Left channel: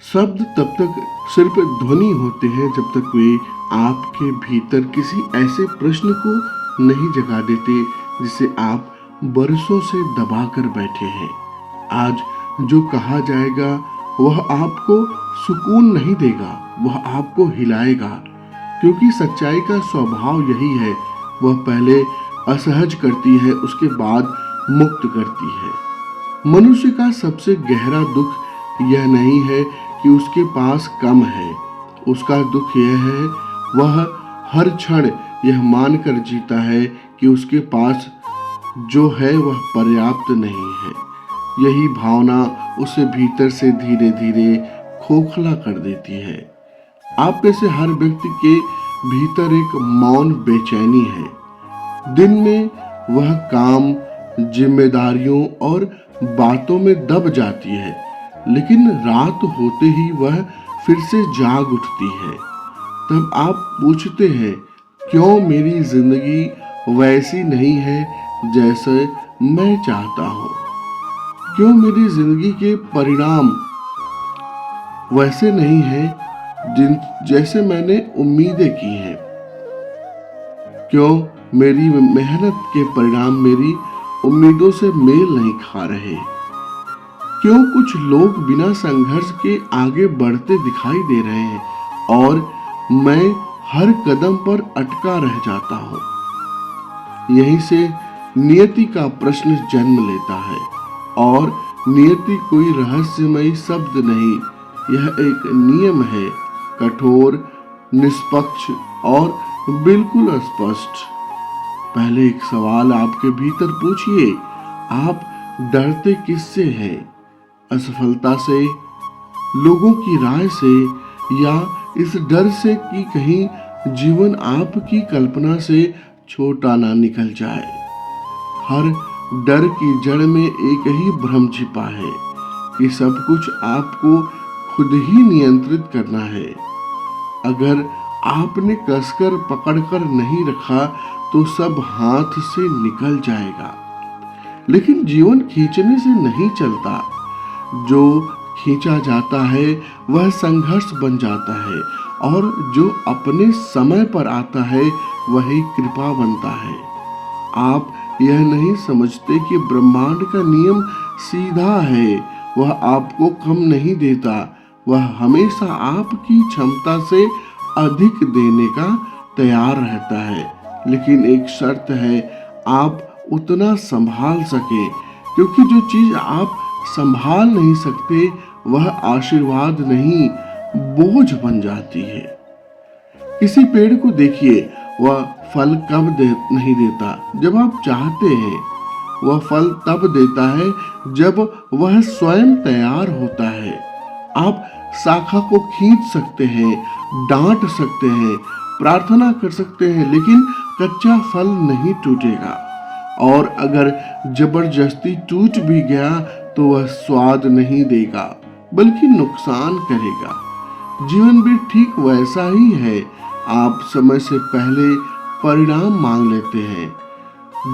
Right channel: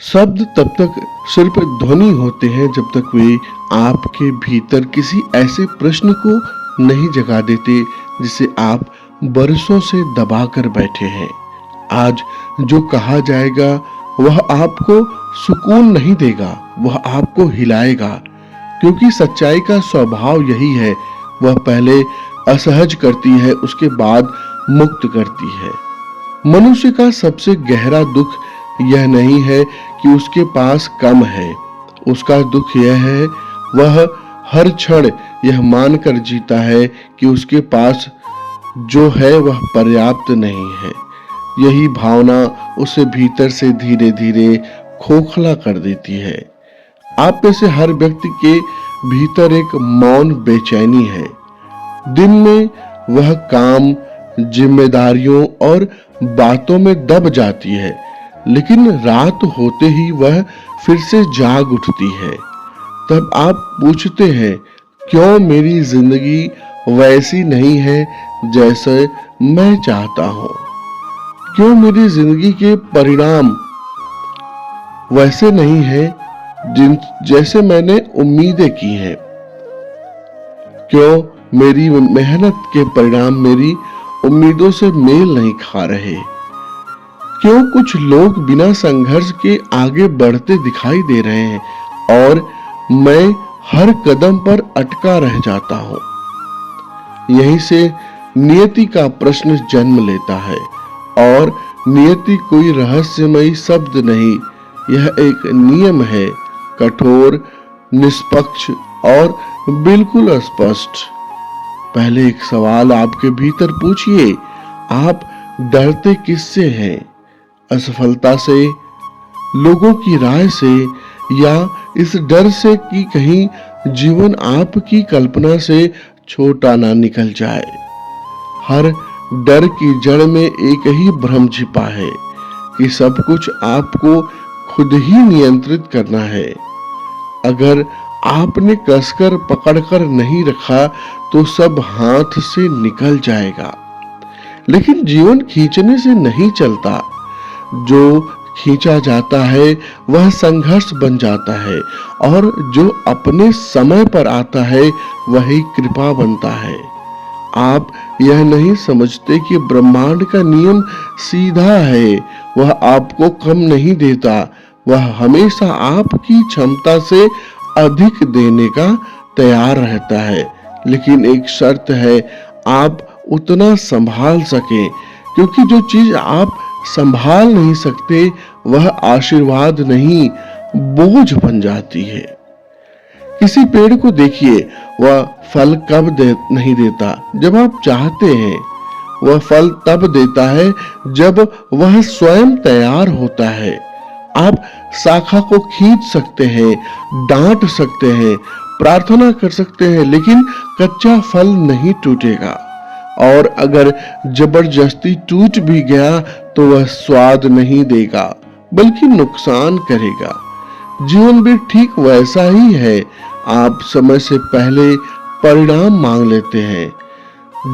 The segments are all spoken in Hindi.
शब्द तब तक सिर्फ ध्वनि होते हैं जब तक वे आपके भीतर किसी ऐसे प्रश्न को नहीं जगा देते जिसे आप बरसों से दबा कर बैठे हैं। आज जो कहा जाएगा वह आपको सुकून नहीं देगा, वह आपको हिलाएगा, क्योंकि सच्चाई का स्वभाव यही है। वह पहले असहज करती है, उसके बाद मुक्त करती है। मनुष्य का सबसे गहरा दुख यह नहीं है कि उसके पास कम है, उसका दुख यह है वह हर क्षण यह मानकर जीता है कि उसके पास जो है वह पर्याप्त नहीं है। यही भावना उसे भीतर से धीरे धीरे खोखला कर देती है। आप में से हर व्यक्ति के भीतर एक मौन बेचैनी है। दिन में वह काम, जिम्मेदारियों और बातों में दब जाती है, लेकिन रात होते ही वह फिर से जाग उठती है। तब आप पूछते हैं, क्यों मेरी जिंदगी वैसी नहीं है जैसे मैं चाहता हूं? क्यों मेरी जिंदगी के परिणाम वैसे नहीं है जैसे मैंने उम्मीदें की हैं? क्यों मेरी मेहनत के परिणाम मेरी उम्मीदों से मेल नहीं खा रहे? क्यों कुछ लोग बिना संघर्ष के आगे बढ़ते दिखाई दे रहे हैं और मैं हर कदम पर अटका रह जाता हूं? यहीं से नियति का प्रश्न जन्म लेता है। और नियति कोई रहस्यमयी शब्द नहीं, यह एक नियम है, कठोर, निष्पक्ष और बिल्कुल स्पष्ट। पहले एक सवाल आपके भीतर पूछिए, आप डरते किससे हैं? असफलता से, लोगों की राय से, या इस डर से कि कहीं जीवन आपकी कल्पना से छोटा ना निकल जाए? हर डर की जड़ में एक ही भ्रम छिपा है कि सब कुछ आपको खुद ही नियंत्रित करना है। अगर आपने कसकर पकड़कर नहीं रखा तो सब हाथ से निकल जाएगा। लेकिन जीवन खींचने से नहीं चलता, जो खींचा जाता है वह संघर्ष बन जाता है, और जो अपने समय पर आता है वही कृपा बनता है। आप यह नहीं समझते कि ब्रह्मांड का नियम सीधा है, वह आपको कम नहीं देता, वह हमेशा आपकी क्षमता से अधिक देने का तैयार रहता है। लेकिन एक शर्त है, आप उतना संभाल सके, क्योंकि जो चीज आप संभाल नहीं सकते वह आशीर्वाद नहीं, बोझ बन जाती है। किसी पेड़ को देखिए, वह फल कब नहीं देता जब आप चाहते हैं, वह फल तब देता है जब वह स्वयं तैयार होता है। आप शाखा को खींच सकते हैं, डांट सकते हैं, प्रार्थना कर सकते हैं, लेकिन कच्चा फल नहीं टूटेगा। और अगर जबरदस्ती टूट भी गया तो वह स्वाद नहीं देगा, बल्कि नुकसान करेगा। जीवन भी ठीक वैसा ही है। आप समय से पहले परिणाम मांग लेते हैं,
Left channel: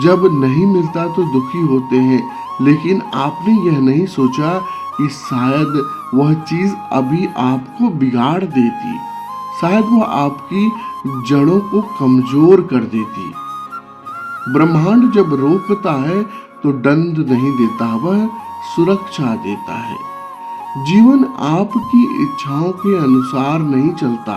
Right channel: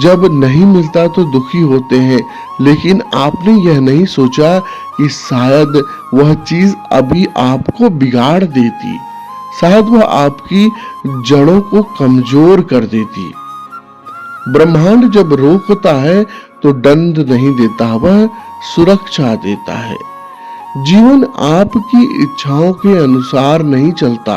जब नहीं मिलता तो दुखी होते हैं, लेकिन आपने यह नहीं सोचा कि शायद वह चीज अभी आपको बिगाड़ देती, शायद वह आपकी जड़ों को कमजोर कर देती। ब्रह्मांड जब रोकता है तो दंड नहीं देता, वह सुरक्षा देता है। जीवन आपकी इच्छाओं के अनुसार नहीं चलता,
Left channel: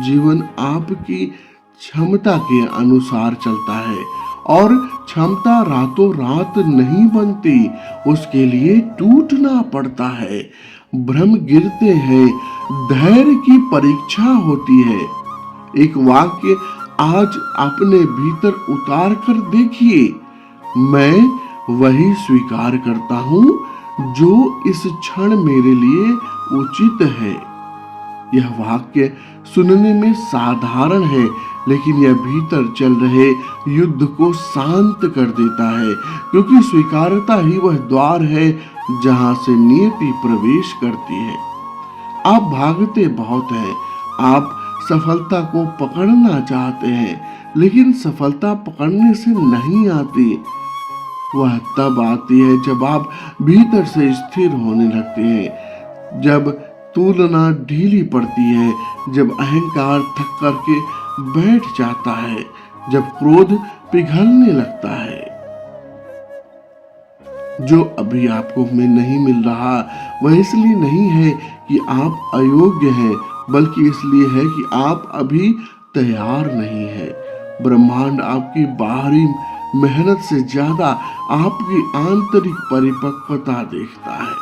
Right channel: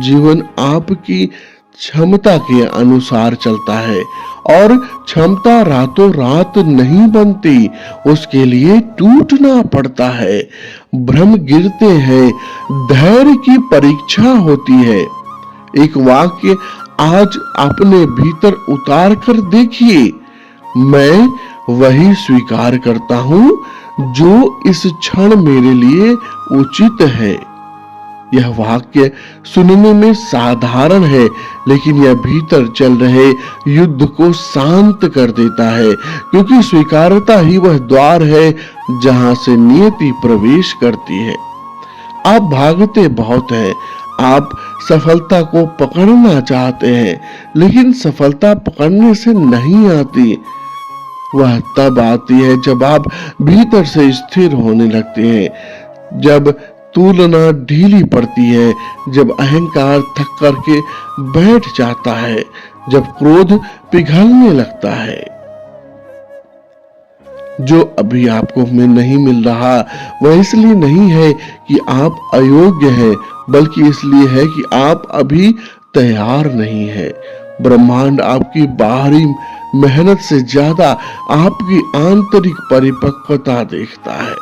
जीवन आपकी क्षमता के अनुसार चलता है। और क्षमता रातों रात नहीं बनती, उसके लिए टूटना पड़ता है, भ्रम गिरते हैं, धैर्य की परीक्षा होती है। एक वाक्य आज अपने भीतर उतार कर देखिए, मैं वही स्वीकार करता हूं जो इस क्षण मेरे लिए उचित है। यह वाक्य सुनने में साधारण है, लेकिन यह भीतर चल रहे युद्ध को शांत कर देता है, क्योंकि स्वीकारता ही वह द्वार है जहां से नियति प्रवेश करती है। आप भागते बहुत हैं, आप सफलता को पकड़ना चाहते हैं, लेकिन सफलता पकड़ने से नहीं आती। वह तब आती है जब आप भीतर से स्थिर होने लगते हैं, जब तुलना ढीली पड़ती है जब अहंकार थक करके बैठ जाता है, जब क्रोध पिघलने लगता है। जो अभी आपको में नहीं मिल रहा वह इसलिए नहीं है कि आप अयोग्य हैं, बल्कि इसलिए है कि आप अभी तैयार नहीं है। ब्रह्मांड आपकी बाहरी मेहनत से ज्यादा आपकी आंतरिक परिपक्वता देखता है।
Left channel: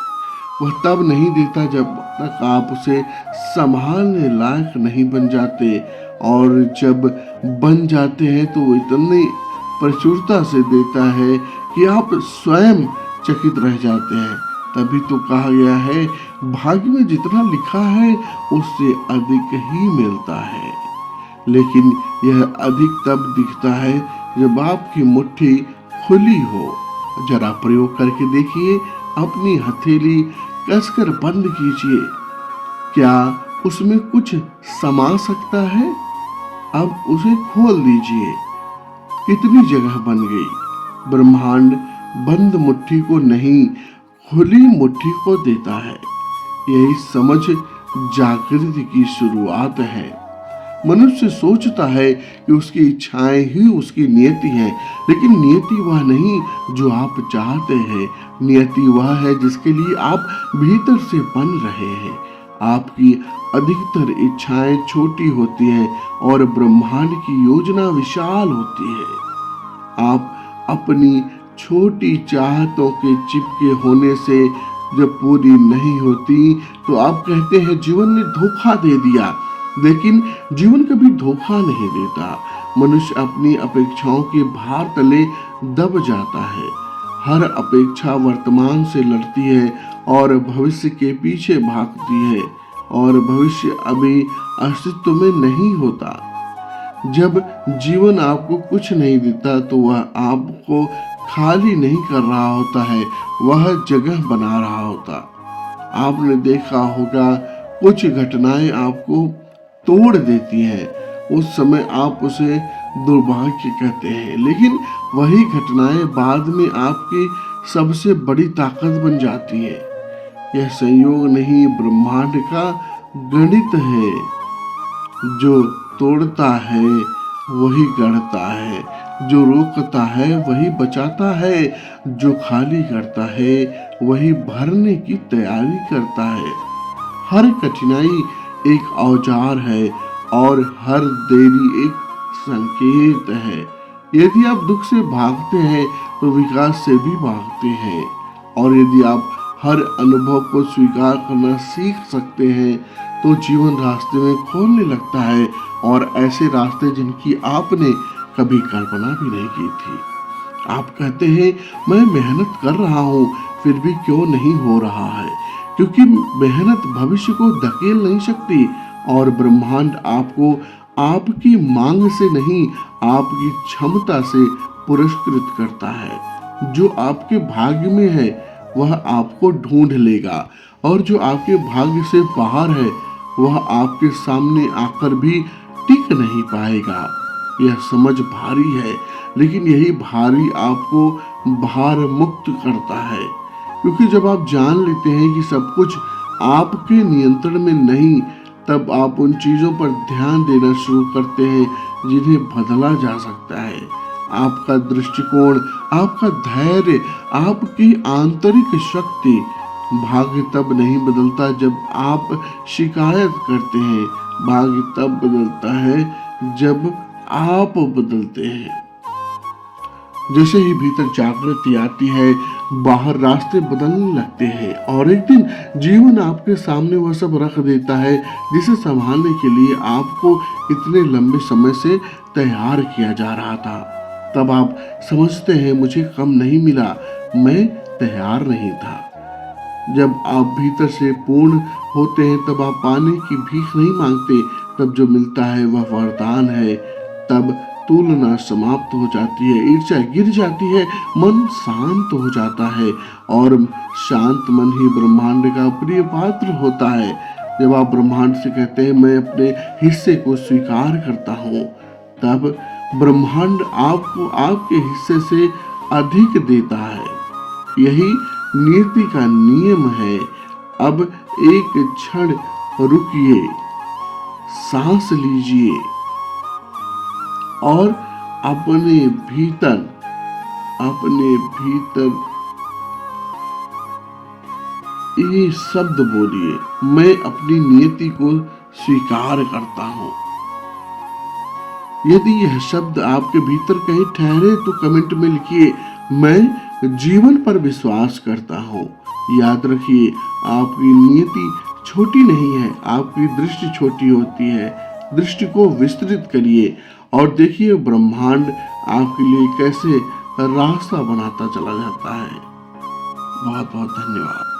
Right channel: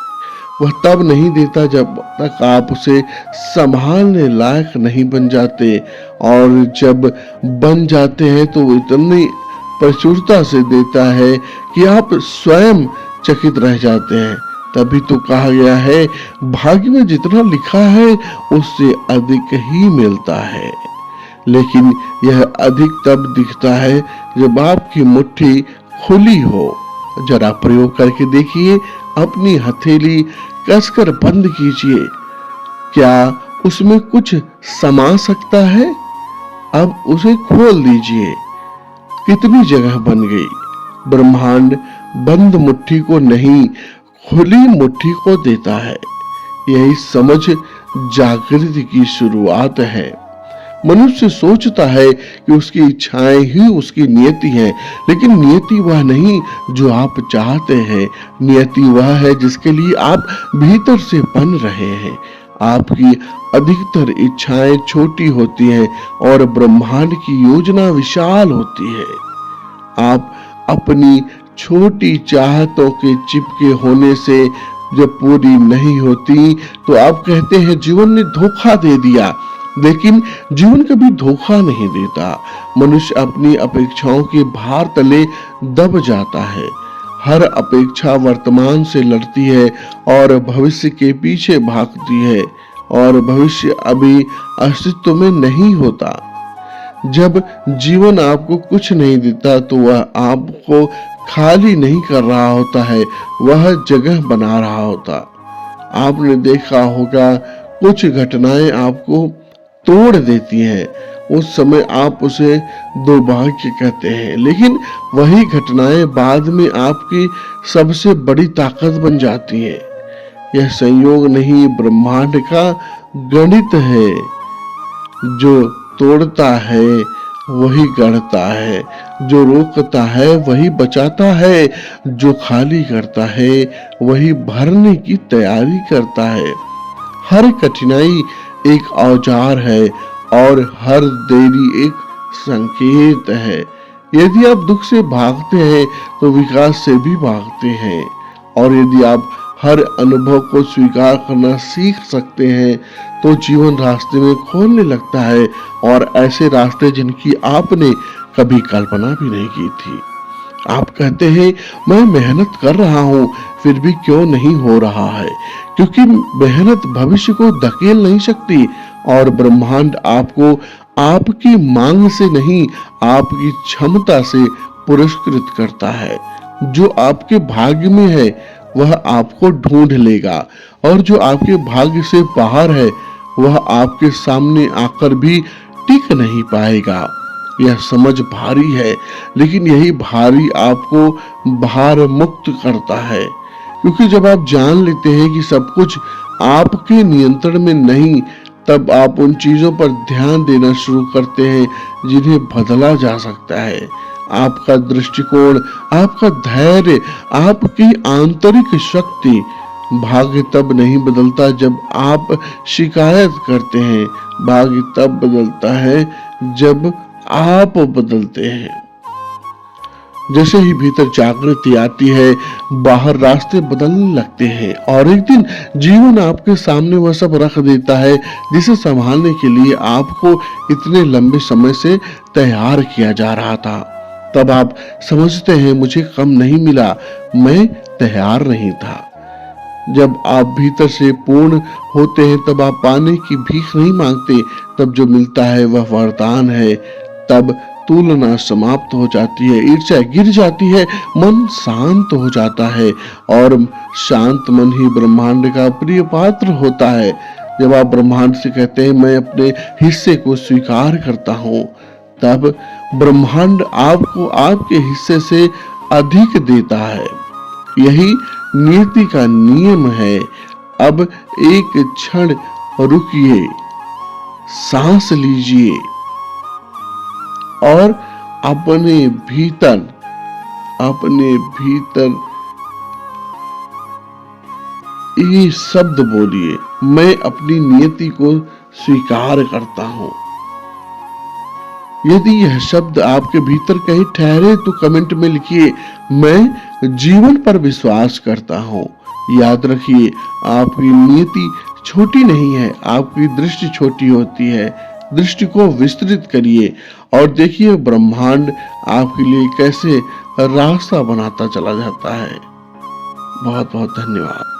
वह तब नहीं देता जब तक आप उसे संभालने लायक नहीं बन जाते, और जब बन जाते हैं तो वो इतनी प्रचुरता से देता है कि आप स्वयं चकित रह जाते हैं। तभी तो कहा गया है, भाग्य में जितना लिखा है उससे अधिक ही मिलता है। लेकिन यह अधिक तब दिखता है जब आपकी मुट्ठी खुली हो। जरा प्रयोग करके देखिए, अपनी हथेली कसकर बंद कीजिए, क्या उसमें कुछ समा सकता है? अब उसे खोल दीजिए, कितनी जगह बन गई। ब्रह्मांड बंद मुट्ठी को नहीं, खुली मुट्ठी को देता है। यही समझ जागृति की शुरुआत है। मनुष्य सोचता है कि उसकी इच्छाएं ही उसकी नियति है, लेकिन नियति वह नहीं जो आप चाहते हैं। नियति वह है जिसके लिए आप भीतर से बन रहे हैं। आपकी अधिकतर इच्छाएं छोटी होती हैं और ब्रह्मांड की योजना विशाल होती है। आप अपनी छोटी चाहतों के चिपके होने से जब पूरी नहीं होती तो आप कहते हैं जीवन ने धोखा दे दिया। लेकिन जीवन कभी धोखा नहीं देता। मनुष्य अपनी अपेक्षाओं के भार तले दब जाता है। हर अपेक्षा वर्तमान से लड़ती है और भविष्य के पीछे भागती है, और भविष्य अभी अस्तित्व में नहीं होता। जब जीवन आपको कुछ नहीं देता तो वह आपको खाली नहीं कर रहा होता है, वह जगह बना रहा होता। आपने देखा होगा, कुछ घटनाएं आपको तोड़ देती है। उस समय आप उसे दुर्भाग्य कहते हैं, लेकिन वही घटनाएं बाद में आपकी सबसे बड़ी ताकत बन जाती है। यह संयोग नहीं, ब्रह्मांड का गणित है। जो तोड़ता है वही गढ़ता है, जो रोकता है वही बचाता है, जो खाली करता है वही भरने की तैयारी करता है। हर कठिनाई एक औजार है और हर देरी एक संकेत है। यदि आप दुख से भागते हैं तो विकास से भी भागते हैं, और यदि आप हर अनुभव को स्वीकार करना सीख सकते हैं तो जीवन रास्ते में खोलने लगता है, और ऐसे रास्ते जिनकी आपने कभी कल्पना भी नहीं की थी। आप कहते हैं मैं मेहनत कर रहा हूँ, फिर भी क्यों नहीं हो रहा है? क्योंकि मेहनत भविष्य को धकेल नहीं सकती, और ब्रह्मांड आपको आपकी मांग से नहीं, आपकी क्षमता से पुरस्कृत करता है। जो आपके भाग्य में है वह आपको ढूंढ लेगा, और जो आपके भाग्य से बाहर है वह आपके सामने आकर भी टिक नहीं पाएगा। यह समझ भारी है, लेकिन यही भारी आपको भार मुक्त करता है। क्योंकि जब आप जान लेते हैं कि सब कुछ आपके नियंत्रण में नहीं, तब आप उन चीजों पर ध्यान देना शुरू करते हैं जिन्हें बदला जा सकता है। आपका दृष्टिकोण, आपका धैर्य, आपकी आंतरिक शक्ति। भाग्य तब नहीं बदलता जब आप शिकायत करते हैं, भाग्य तब बदलता है जब आप बदलते हैं। जैसे ही भीतर जागृति आती है, बाहर रास्ते बदलने लगते हैं, और एक दिन जीवन आपके सामने वह सब रख देता है जिसे संभालने के लिए आपको इतने लंबे समय से तैयार किया जा रहा था। तब आप समझते हैं मुझे कम नहीं मिला, मैं तैयार नहीं था। जब आप भीतर से पूर्ण होते हैं तब आप पाने की भीख नहीं मांगते, तब जो मिलता है वह वरदान है। तब तुलना समाप्त हो जाती है, ईर्ष्या गिर जाती है, मन शांत हो जाता है, और शांत मन ही ब्रह्मांड का प्रिय पात्र होता है। जब आप ब्रह्मांड से कहते हैं मैं अपने हिस्से को स्वीकार करता हूँ, तब ब्रह्मांड आपको आपके हिस्से से अधिक देता है। यही नियति का नियम है। अब एक क्षण रुकिए, सांस लीजिए और अपने भीतर ये शब्द बोलिए, मैं अपनी नियति को स्वीकार करता हूं। यदि यह शब्द आपके भीतर कहीं ठहरे तो कमेंट में लिखिए, मैं जीवन पर विश्वास करता हूं। याद रखिए, आपकी नियति छोटी नहीं है, आपकी दृष्टि छोटी होती है। दृष्टि को विस्तृत करिए और देखिए ब्रह्मांड आपके लिए कैसे रास्ता बनाता चला जाता है। बहुत बहुत धन्यवाद।